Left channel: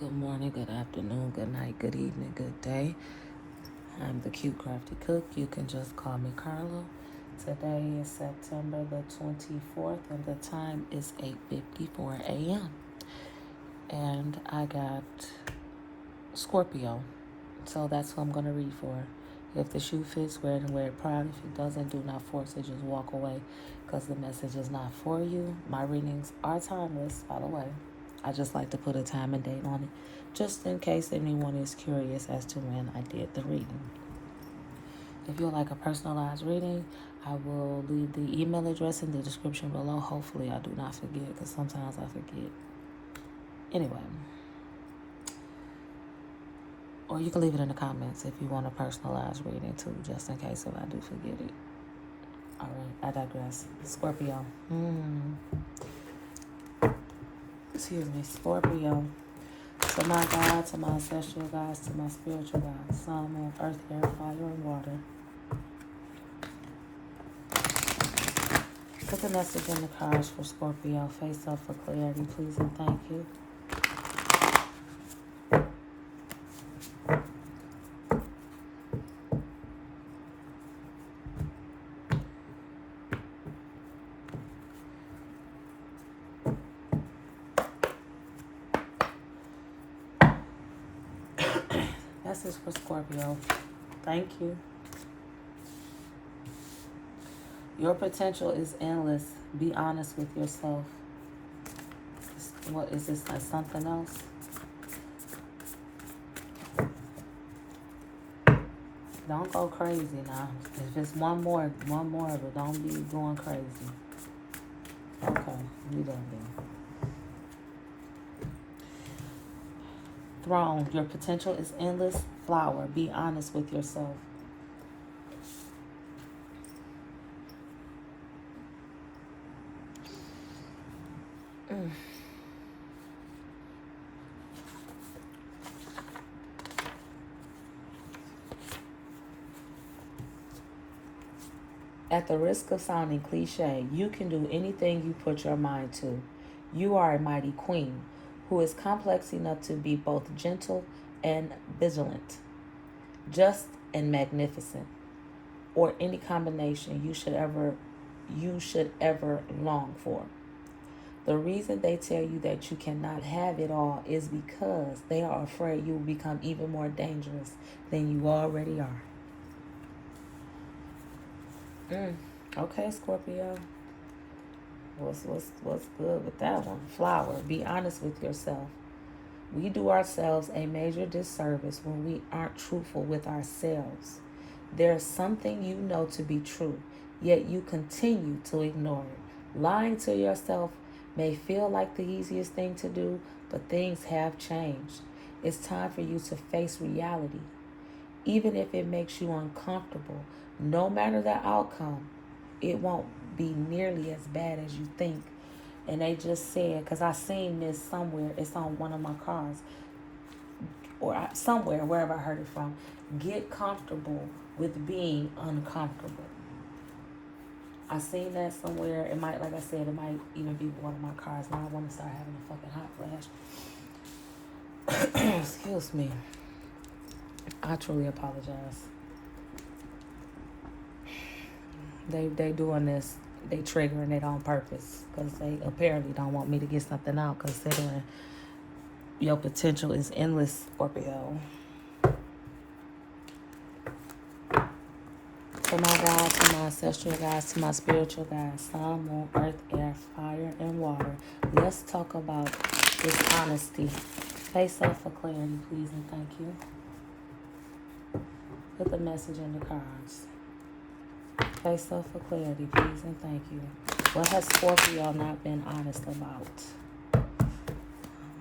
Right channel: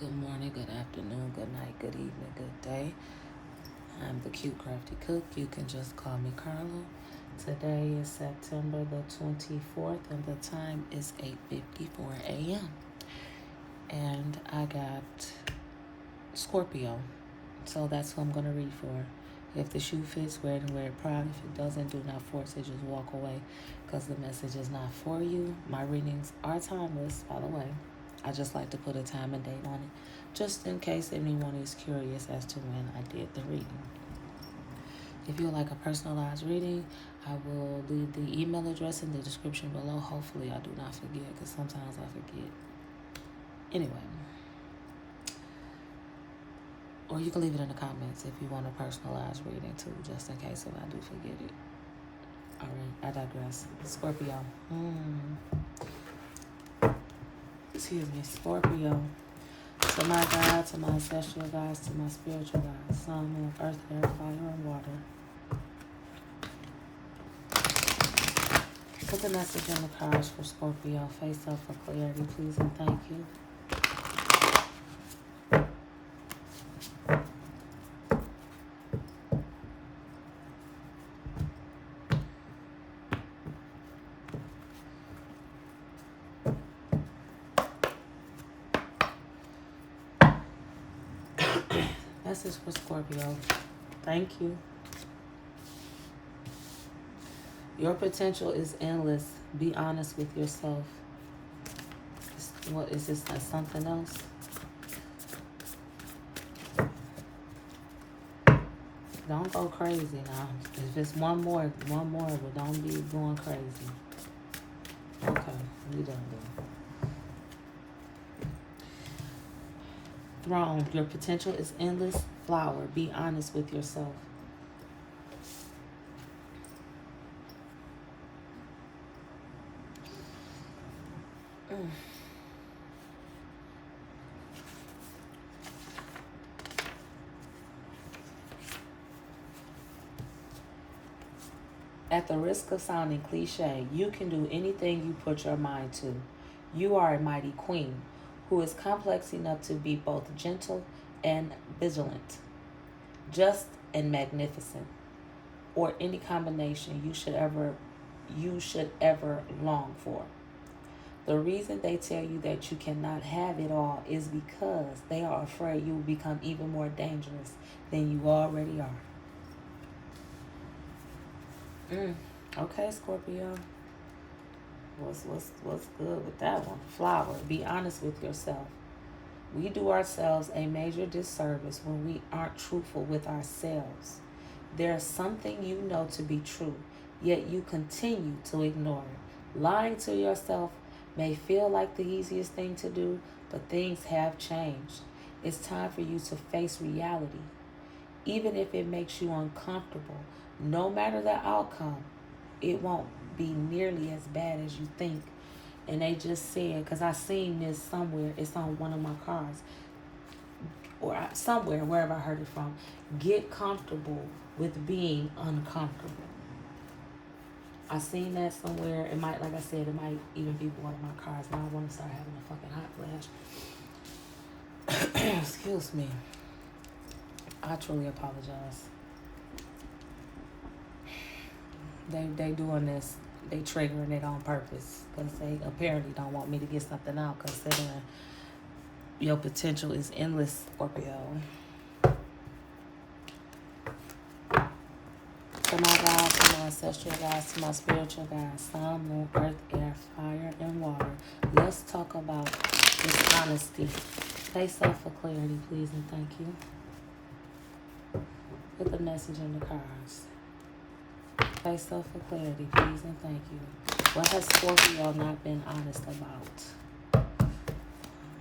Good morning, good afternoon, good night, good evening, good day. I'm the Cute Crafty Cook. You can just call me Carla. Today is September the 24th and the time is 8:54 a.m. And I got Scorpio. So that's who I'm going to read for. If the shoe fits, wear it and wear it proud. If it doesn't, do not force it. Just walk away because the message is not for you. My readings are timeless, by the way. I just like to put a time and date on it, just in case anyone is curious as to when I did the reading. If you would like a personalized reading, I will leave the email address in the description below. Hopefully I do not forget, because sometimes I forget. Anyway. Or you can leave it in the comments if you want a personalized reading too, just in case if I do forget it. Alright, I digress. Scorpio. Excuse me, Scorpio. To my God, to my ancestral guides, to my spiritual guides, sun, moon, earth, air, fire, and water. Put the message in the cards for Scorpio. Face up for clarity, please and thank you. Message for Scorpio. Thank you. Your potential is endless. Be honest with yourself. What is this? Like something else? Don't go crazy now. If it's one more, but don't be going crazy. Okay, we done then. Throne. Your potential is endless. Flower. Be honest with yourself. At the risk of sounding cliche, you can do anything you put your mind to. You are a mighty queen who is complex enough to be both gentle and vigilant, just and magnificent, or any combination you should ever long for. The reason they tell you that you cannot have it all is because they are afraid you will become even more dangerous than you already are. Okay, Scorpio. What's good with that one? Flower. Be honest with yourself. We do ourselves a major disservice when we aren't truthful with ourselves. There's something you know to be true, yet you continue to ignore it. Lying to yourself may feel like the easiest thing to do, but things have changed. It's time for you to face reality. Even if it makes you uncomfortable, no matter the outcome, it won't be nearly as bad as you think. And they just said, because I seen this somewhere, it's on one of my cards, or somewhere, wherever I heard it from, get comfortable with being uncomfortable. I seen that somewhere. It might, like I said, it might even be one of my cards. Now I want to start having a fucking hot flash. Excuse me. I truly apologize. They doing this, they triggering it on purpose because they apparently don't want me to get something out, considering your potential is endless, Scorpio. To my guides, to my ancestral guides, to my spiritual guides, sun, moon, earth, air, fire, and water. Let's talk about this honesty. Face up for clarity, please and thank you. Put the message in the cards. Face up for clarity, please and thank you. What has Scorpio not been honest about? I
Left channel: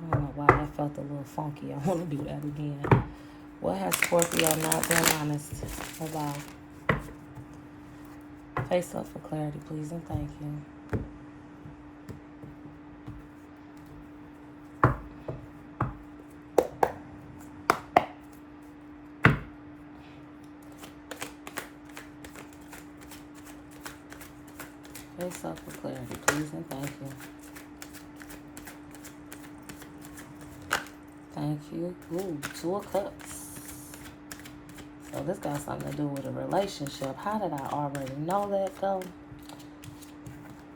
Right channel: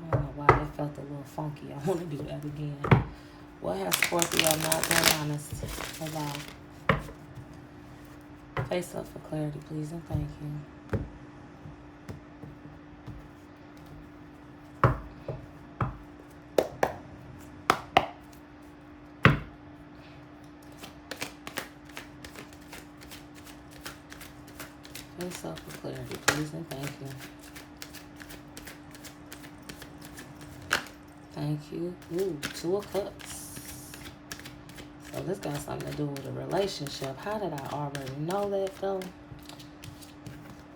don't know why that felt a little funky. I want to do that again. What has Scorpio not been honest about? Face up for clarity, please and thank you. Face up for clarity, please and thank you. Thank you. Ooh, 2 of Cups. So this got something to do with a relationship. How did I already know that though?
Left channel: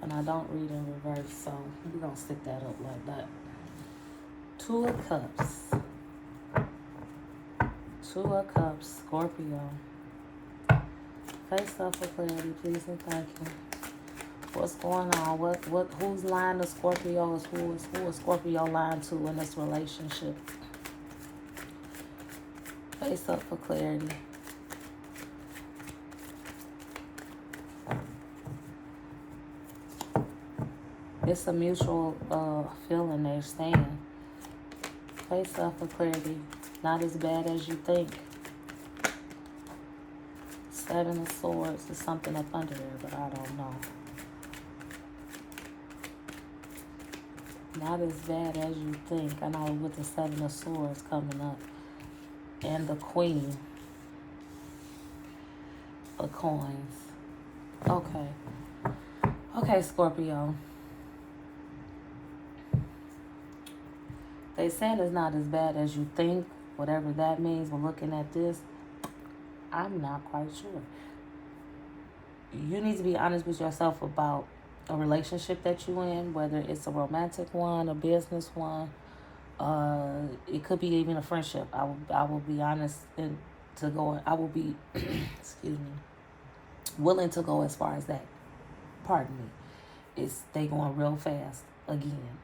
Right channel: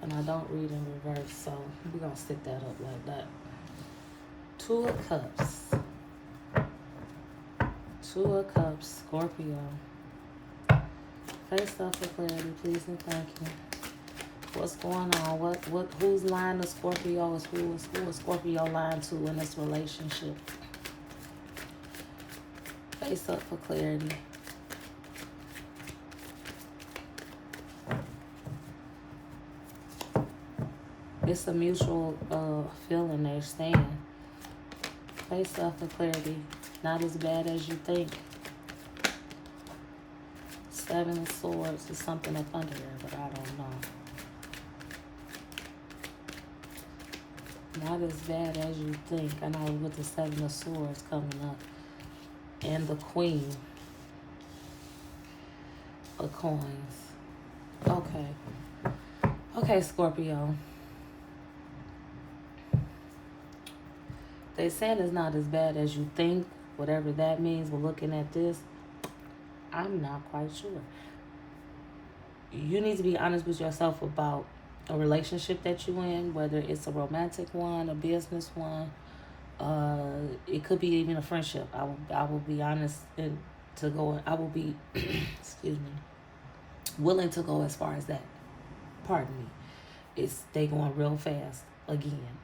And I don't read in reverse, so we're going to stick that up like that. 2 of Cups. 2 of Cups, Scorpio. Face up for clarity, please and thank you. What's going on? Whose line of Scorpio is who is Scorpio line to in this relationship? Face up for clarity. It's a mutual feeling they're saying. Face up for clarity. Not as bad as you think. 7 of Swords is something up under there, but I don't know. Not as bad as you think. I know with the 7 of Swords coming up. And the Queen of Coins. Okay. Okay, Scorpio. They said it's not as bad as you think. Whatever that means, we're looking at this. I'm not quite sure. You need to be honest with yourself about a relationship that you're in, whether it's a romantic one, a business one. It could be even a friendship. I will be honest and to go. I will be, excuse me, willing to go as far as that. Pardon me. They going real fast again.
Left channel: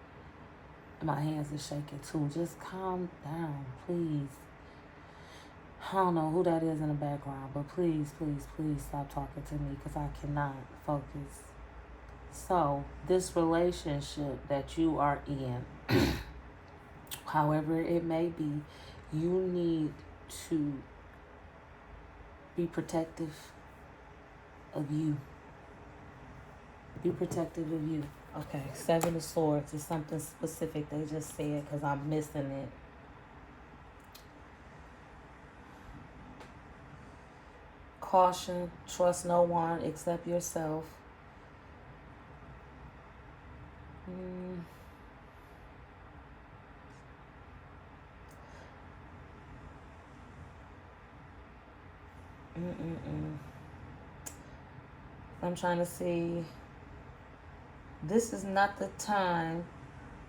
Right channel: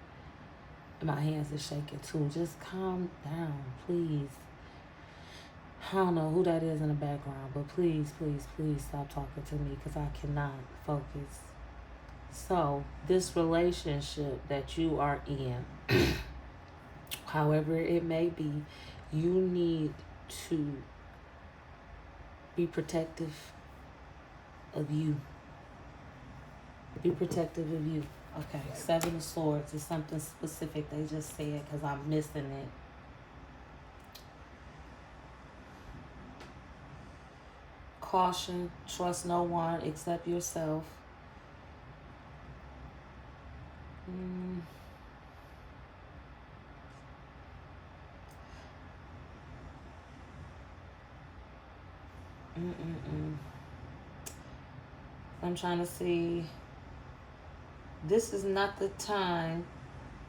My hands are shaking too. Just calm down, please. I don't know who that is in the background, but please, please, please stop talking to me because I cannot focus. So, this relationship that you are in, however it may be, you need to be protective of you. Be protective of you. Okay, 7 of Swords is something specific they just said because I'm missing it. Caution, trust no one except yourself. I'm trying to see. This is not the time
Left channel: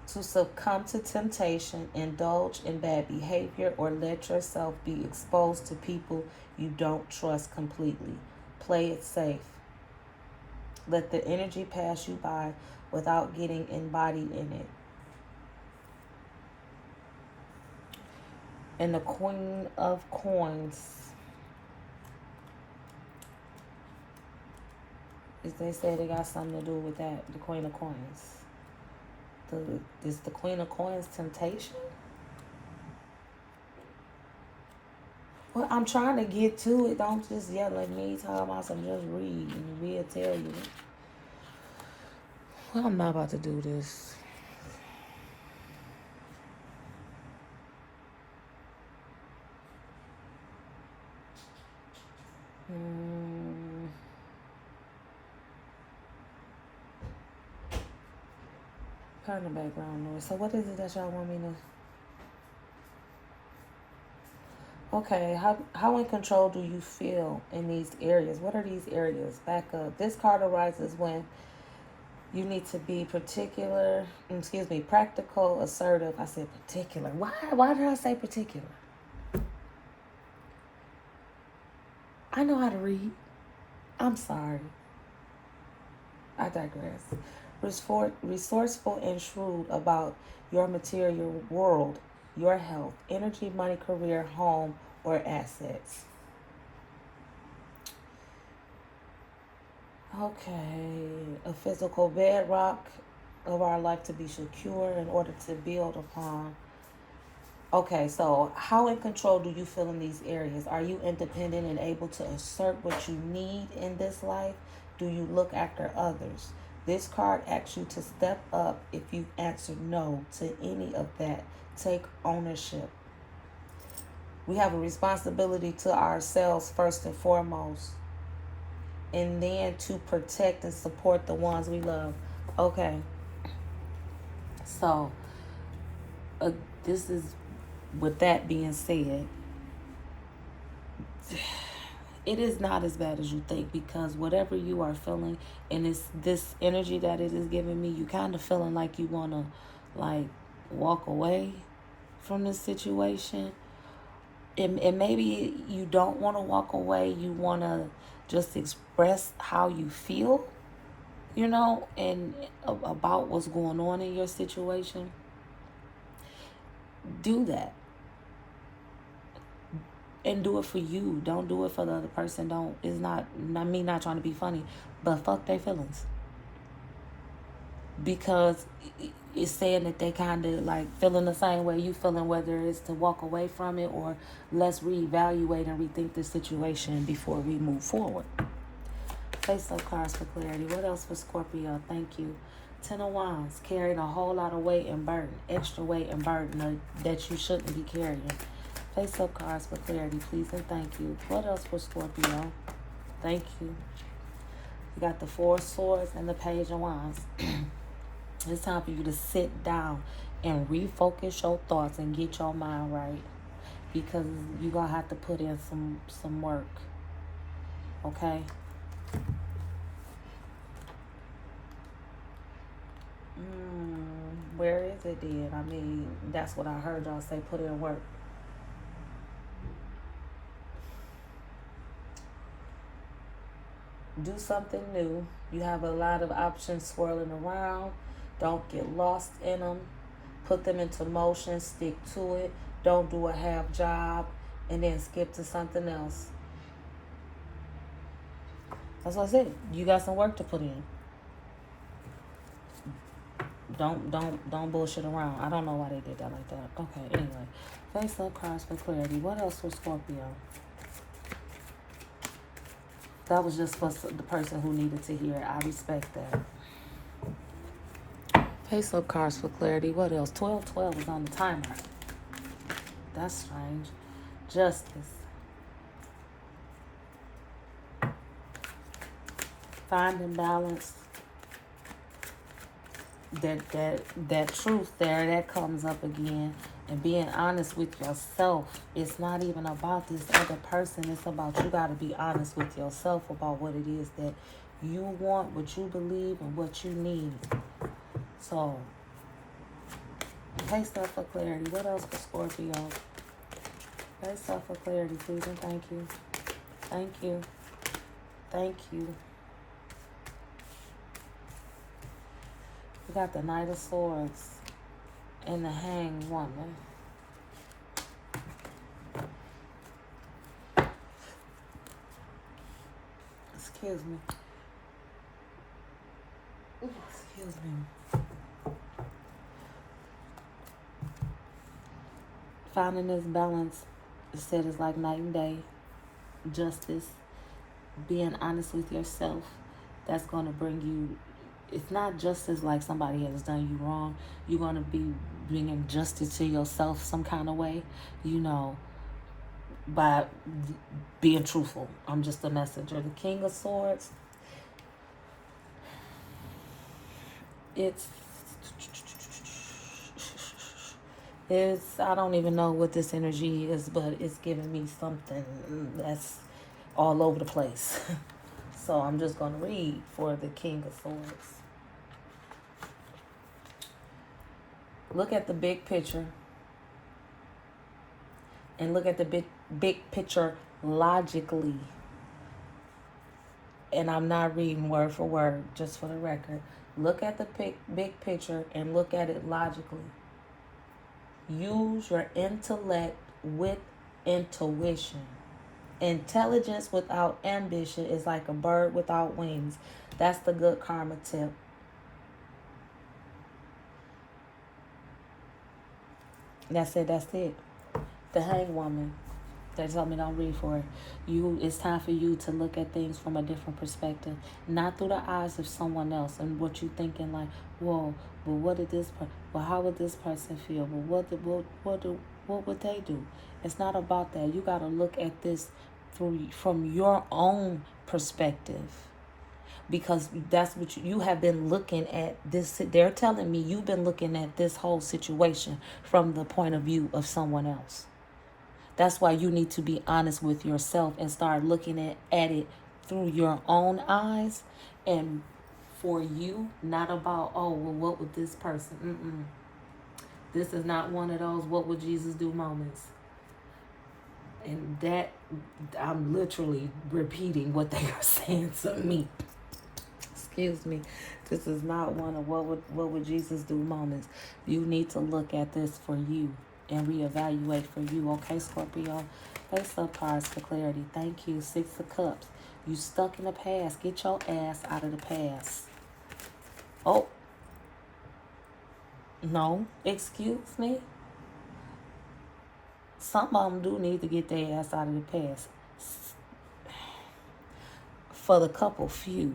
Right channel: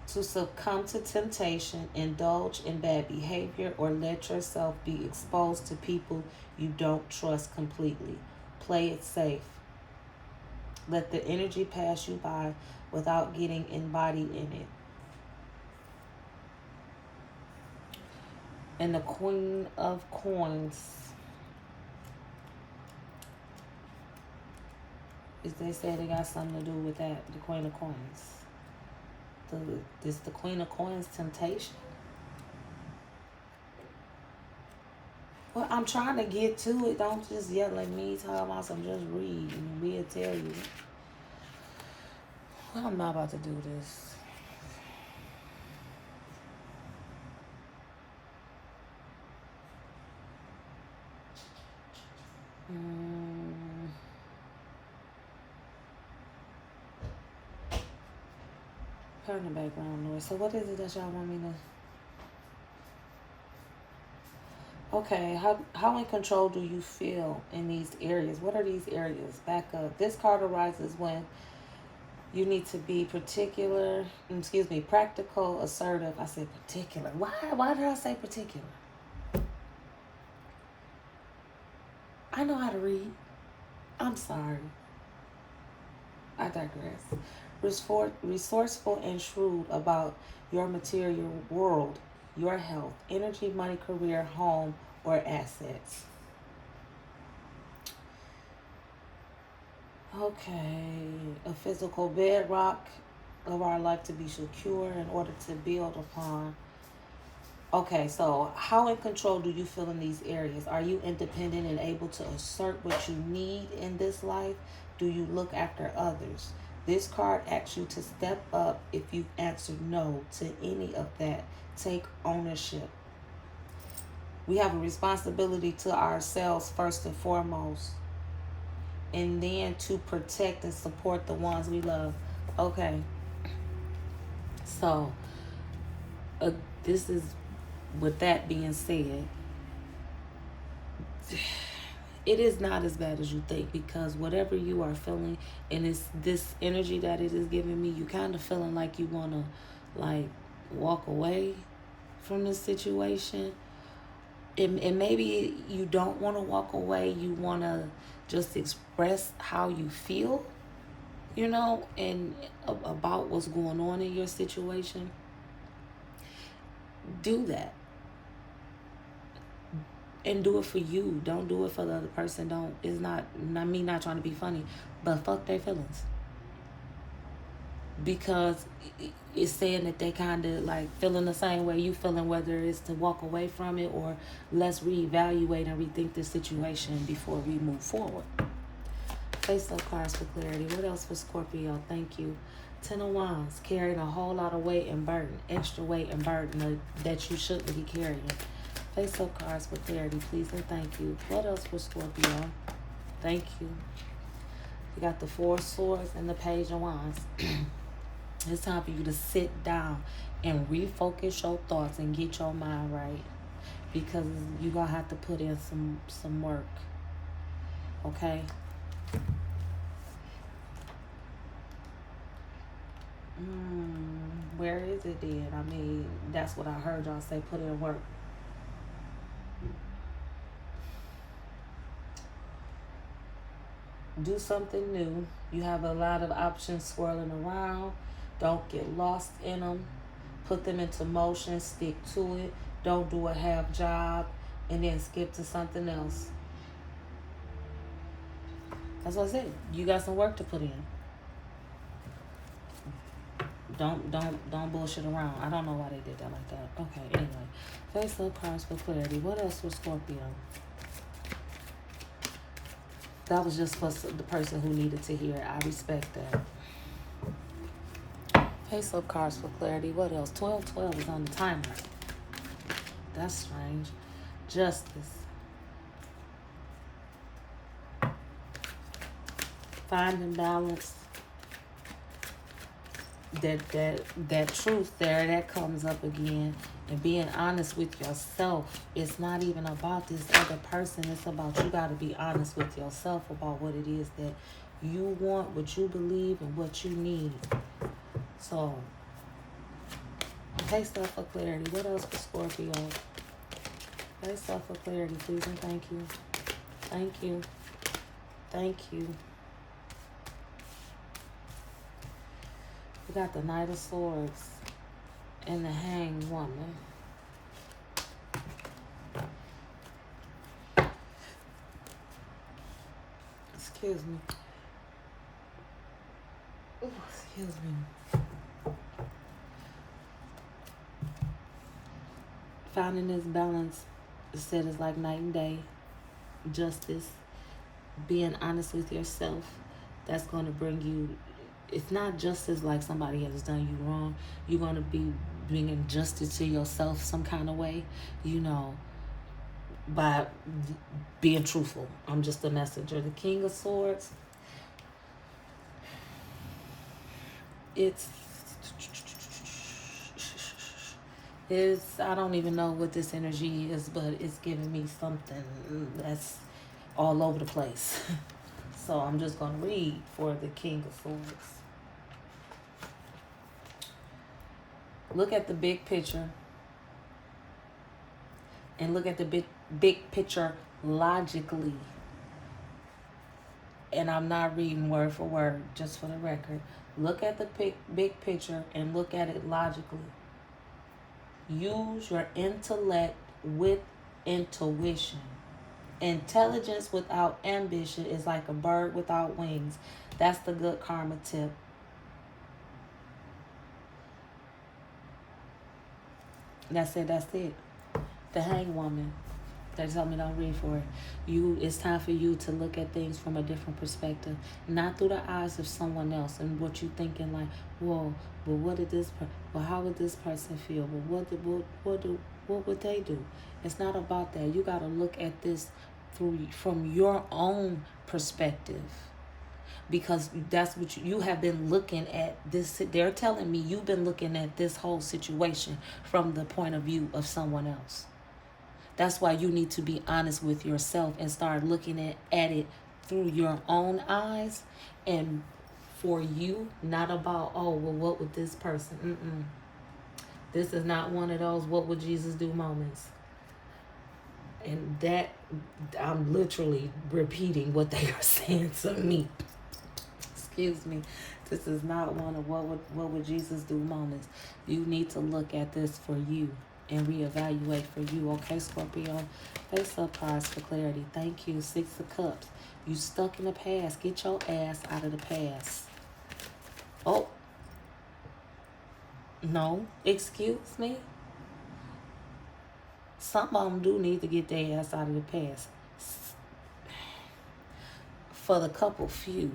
to succumb to temptation, indulge in bad behavior, or let yourself be exposed to people you don't trust completely. Play it safe. Let the energy pass you by without getting embodied in it. And the Queen of Coins. They say they got something to do with that, the Queen of Coins. Is the Queen of Coins temptation? Well, I'm trying to get to it. Don't just yell at me, talk about some, just read and we'll tell you. I'm not about to do this. Pardon the background noise. So what is it that y'all want me to... Okay, how in control do you feel in these areas? What are these areas? Back up. This card arises when you need to be practical, assertive. I said particular. Why did I say particular? I know how to read. I'm sorry. I digress. Resourceful and shrewd about your material world, your health, energy, money, career, home, or assets. Okay, a physical bedrock of our life to be secure in order to build upon. Okay, so how in control do you feel in these areas? Are you independent and able to assert what you need in this life? Do you look after others? This card asks you to step up if you answer no to any of that. Take ownership. We have a responsibility to ourselves first and foremost, and then to protect and support the ones we love. Okay. So, this is with that being said, it is not as bad as you think, because whatever you are feeling, and it's this energy that it is giving me, you kind of feeling like you want to like walk away from this situation. And maybe you don't want to walk away, you want to just express how you feel, you know, and about what's going on in your situation. Do that. And do it for you. Don't do it for the other person. Don't. It's not me not trying to be funny, but fuck their feelings. Because it's saying that they kind of like feeling the same way you feeling, whether it's to walk away from it or let's reevaluate and rethink the situation before we move forward. Face-up cards for clarity. What else for Scorpio? Thank you. 10 of Wands. Carrying a whole lot of weight and burden. Extra weight and burden that you shouldn't be carrying. Face-up cards for clarity, please and thank you. What else for Scorpio? Thank you. You got the 4 of Swords and the Page of Wands. It's time for you to sit down and refocus your thoughts and get your mind right, because you're going to have to put in some work. Okay? Where is it then? I mean, that's what I heard y'all say, put in work. Do something new. You have a lot of options swirling around. Don't get lost in them. Put them into motion. Stick to it. Don't do a half job and then skip to something else. That's what I said. You got some work to put in. Don't bullshit around. I don't know why they did that like that. Okay, anyway. Face-up cards for clarity. What else for Scorpio? That was just for the person who needed to hear it. I respect that. Face-up cards for clarity. What else? 12 is on the timer. That's strange. Justice. Finding balance. That truth there, that comes up again. And being honest with yourself. It's not even about this other person. It's about you got to be honest with yourself about what it is that you want, what you believe, and what you need. So, face-up for clarity. What else for Scorpio? Face-up for clarity, please and thank you. Thank you. Thank you. We got the Knight of Swords and the Hanged Woman. Excuse me. Ooh, excuse me. Finding this balance, it said, is like night and day. Justice. Being honest with yourself. That's going to bring you... It's not justice like somebody has done you wrong. You're going to be bringing justice to yourself some kind of way, you know, by being truthful. I'm just a messenger. The King of Swords, it's I don't even know what this energy is, but it's giving me something that's all over the place. So I'm just going to read for the King of Swords. Look at the big picture. And look at the big picture logically. And I'm not reading word for word, just for the record. Look at the big picture and look at it logically. Use your intellect with intuition. Intelligence without ambition is like a bird without wings. That's the good karma tip. That's it. The Hanged Woman. That's something don't read for it. It's time for you to look at things from a different perspective, not through the eyes of someone else and what you thinking like, whoa, well, what did this? Well, how would this person feel? Well, what would they do? It's not about that. You got to look at this from your own perspective. because that's what you have been looking at this. They're telling me you've been looking at this whole situation from the point of view of someone else. That's why you need to be honest with yourself and start looking at it through your own eyes, and for you, not about, oh, well, what would this person, this is not one of those what would Jesus do moments. And that, I'm literally repeating what they are saying to me. Excuse me. This is not one of what would Jesus do moments. You need to look at this for you and reevaluate for you. Okay, Scorpio? Face up cards for clarity. Thank you. 6 of Cups. You stuck in the past. Get your ass out of the past. Oh. No. Excuse me. Some of them do need to get their ass out of the past. For the couple few,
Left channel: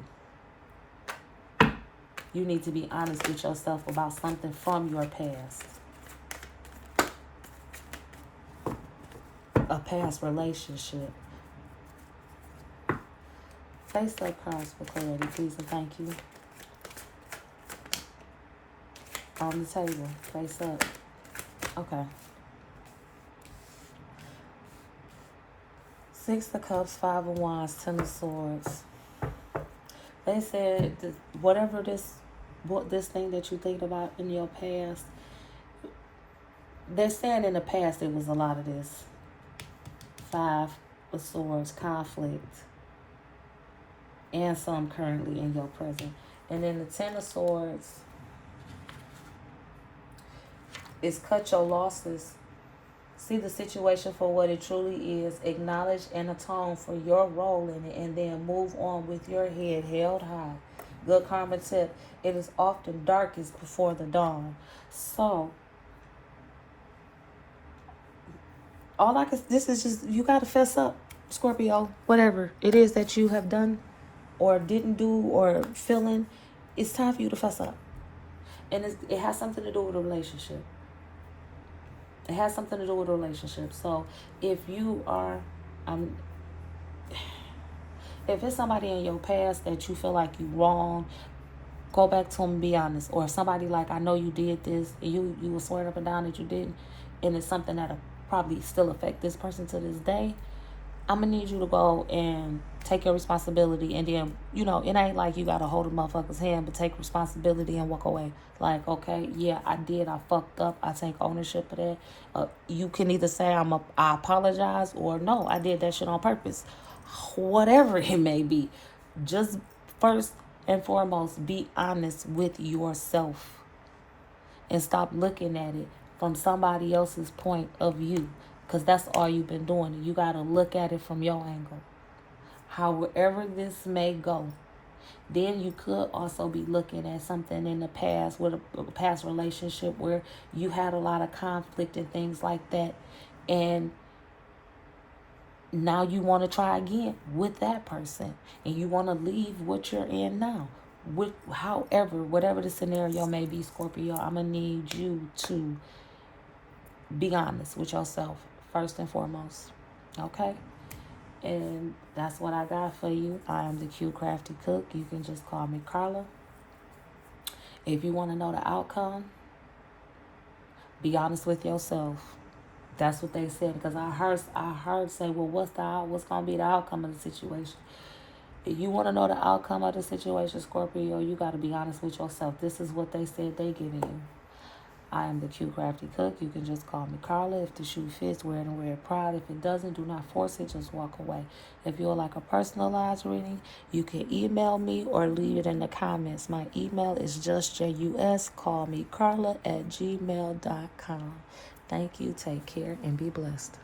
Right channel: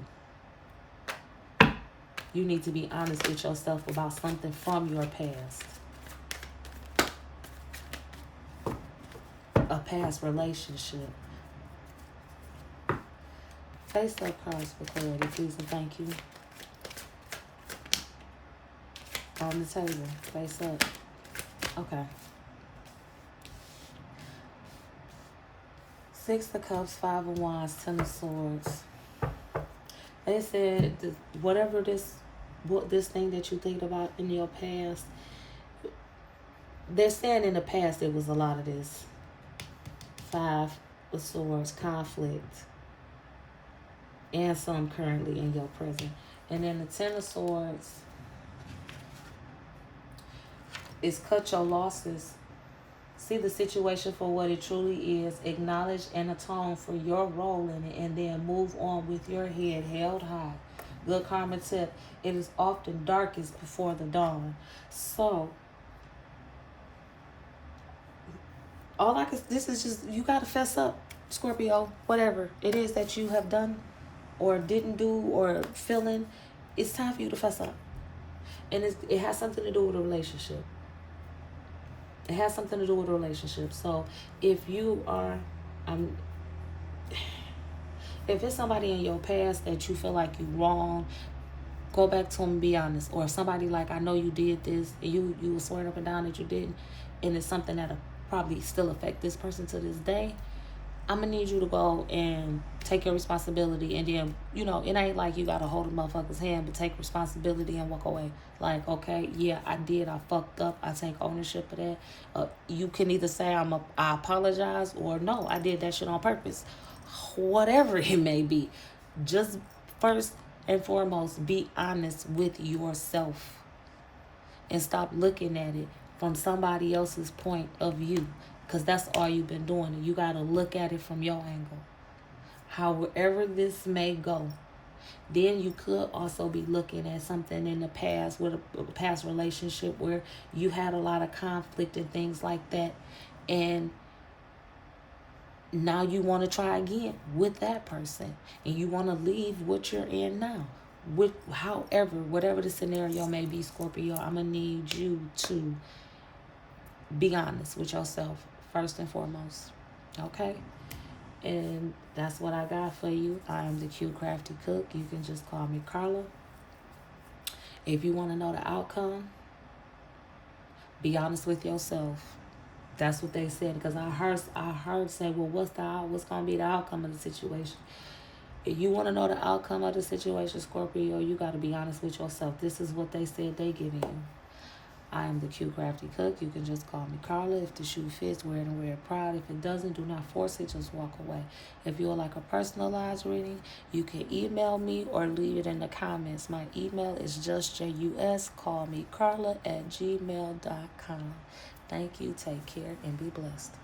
you need to be honest with yourself about something from your past. A past relationship. Face up cards for clarity, please and thank you. On the table. Face up. Okay. 6 of Cups, 5 of Wands, 10 of Swords. They said that whatever this thing that you think about in your past, they're saying in the past it was a lot of this. 5 of Swords, conflict, and some currently in your present. And then the 10 of Swords is cut your losses. See the situation for what it truly is. Acknowledge and atone for your role in it, and then move on with your head held high. Good karma tip. It is often darkest before the dawn. So, this is just, you got to fess up, Scorpio. Whatever it is that you have done or didn't do or feeling, it's time for you to fess up. And it has something to do with a relationship. It has something to do with a relationship. So if you are, if it's somebody in your past that you feel like you wrong, go back to them and be honest. Or if somebody like, I know you did this, and you were swearing up and down that you didn't, and it's something that'll probably still affect this person to this day, I'm going to need you to go and take your responsibility. And then, it ain't like you got to hold a motherfucker's hand, but take responsibility and walk away. Like, okay, yeah, I did. I fucked up. I take ownership of that. You can either say I apologize, or no, I did that shit on purpose. Whatever it may be. Just first and foremost, be honest with yourself. And stop looking at it from somebody else's point of view. Because that's all you've been doing. You got to look at it from your angle. However this may go. Then you could also be looking at something in the past, with a past relationship where you had a lot of conflict and things like that. And now you want to try again with that person. And you want to leave what you're in now. However, whatever the scenario may be, Scorpio, I'm going to need you to be honest with yourself. First and foremost, okay? And that's what I got for you. I am the CuteCraftieCook. You can just call me Carla. If you want to know the outcome, be honest with yourself. That's what they said. Because I heard say, well, what's going to be the outcome of the situation? If you want to know the outcome of the situation, Scorpio, you got to be honest with yourself. This is what they said they giving you. I am the CuteCraftieCook. You can just call me Carla. If the shoe fits, wear it and wear it proud. If it doesn't, do not force it. Just walk away. If you would like a personalized reading, you can email me or leave it in the comments. My email is justjuscallmecarla@gmail.com. Thank you. Take care and be blessed.